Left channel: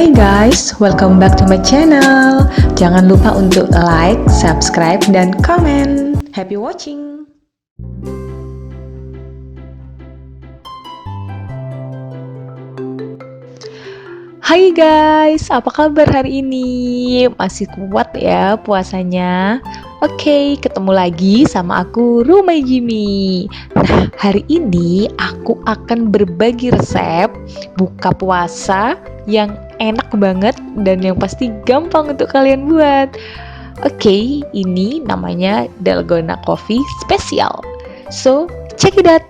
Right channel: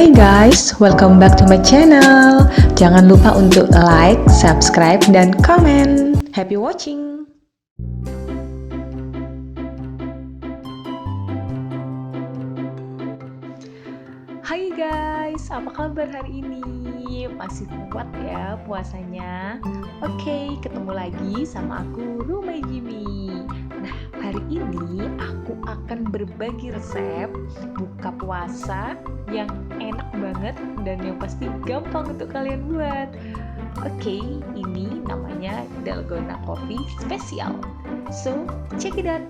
Hai guys, welcome back to my channel. Jangan lupa untuk like, subscribe, dan komen. Happy watching! Hai guys, apa kabar hari ini? Masih kuat ya puasanya? Oke, ketemu lagi sama aku RUMAY JIMI. Nah, hari ini aku akan berbagi resep buka puasa yang enak banget dan yang pasti gampang untuk kalian buat. Oke, ini namanya dalgona coffee spesial. So, check it out.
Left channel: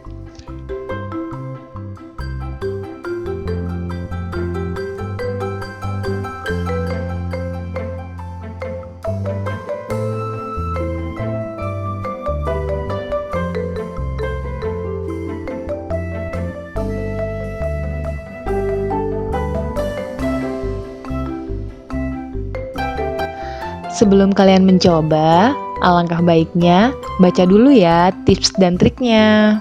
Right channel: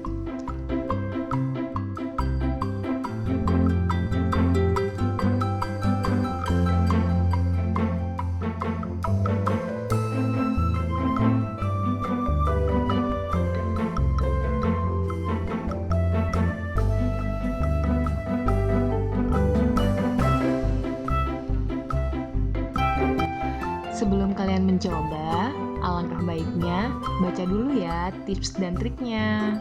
Sebelum kalian mencoba, alangkah baiknya baca dulu ya tips dan triknya.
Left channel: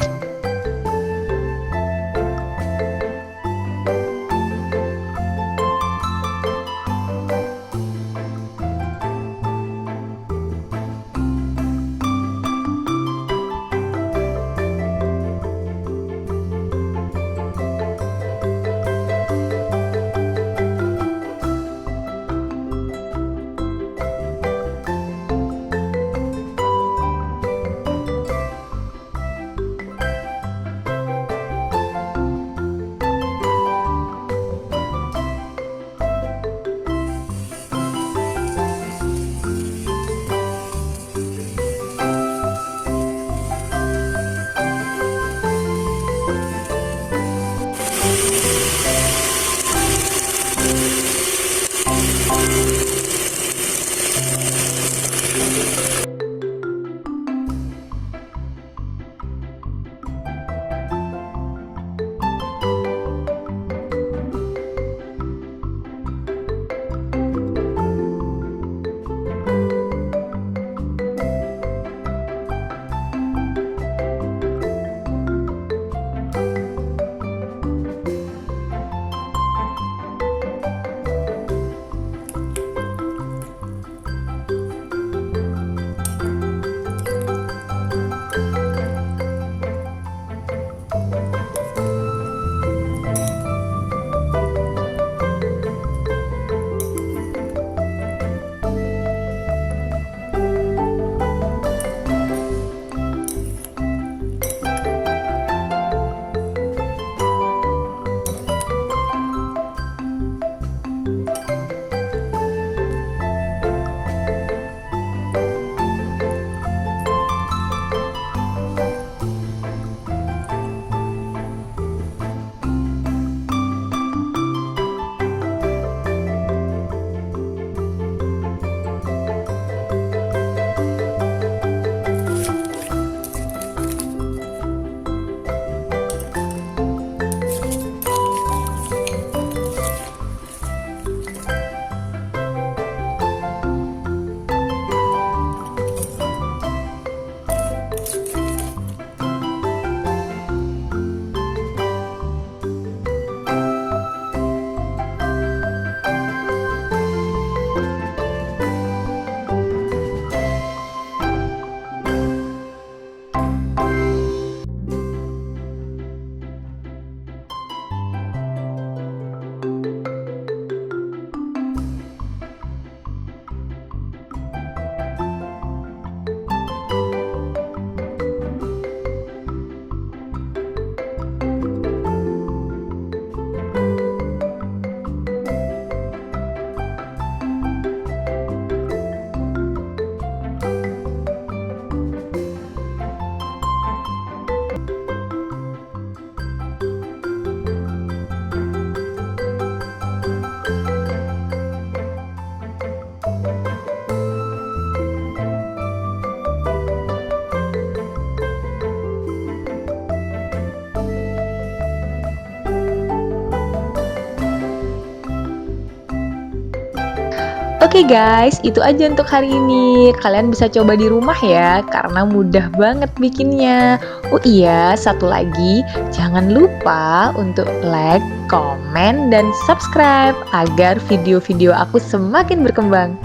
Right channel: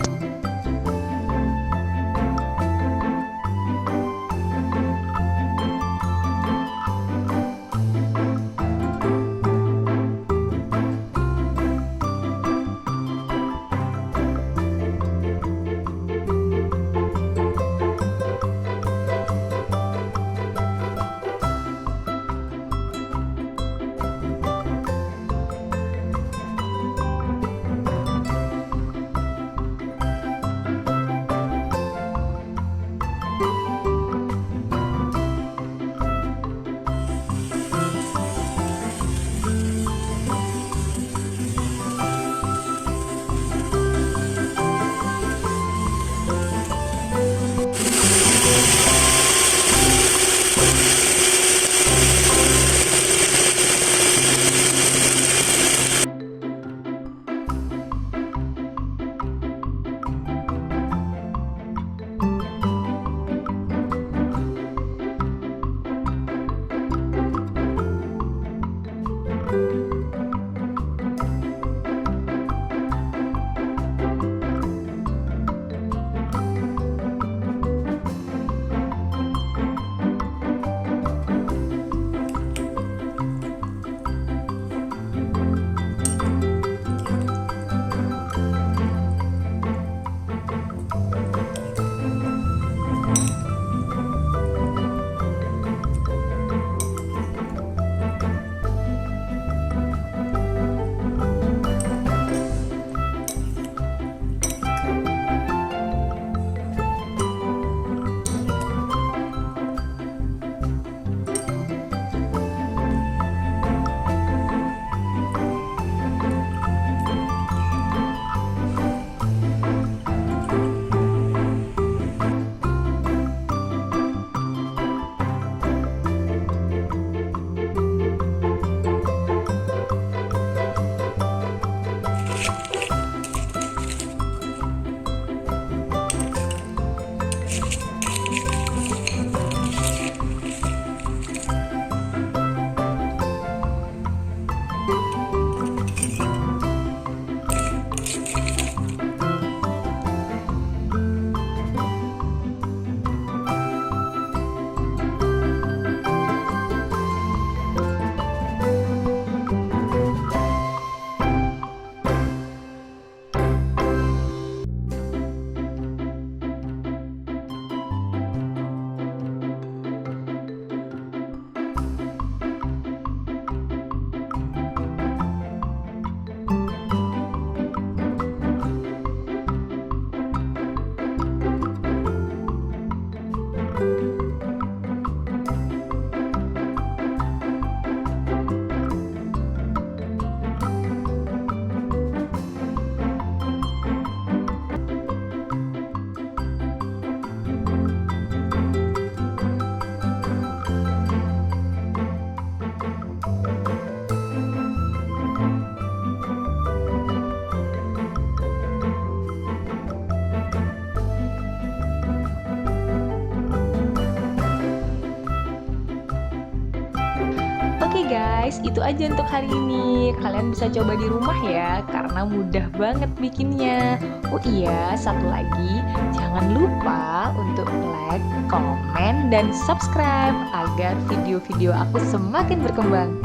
Oke guys, itu aja untuk hari ini. Kalian bisa coba di rumah ya, karena mudah banget bikinnya. Oh iya, satu lagi, jangan lupa untuk like, komen, dan subscribe agar video-video aku semakin berkembang.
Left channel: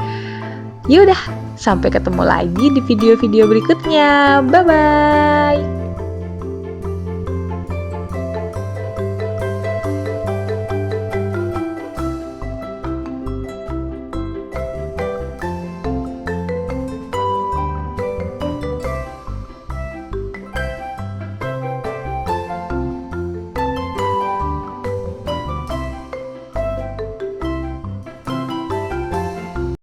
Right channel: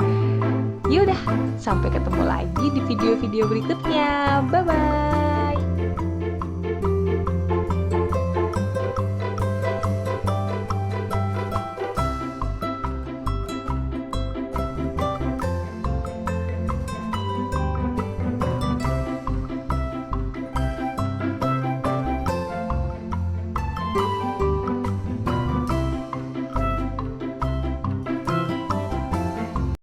Yaudah, sampai ketemu lagi di video-video berikutnya. Bye-bye.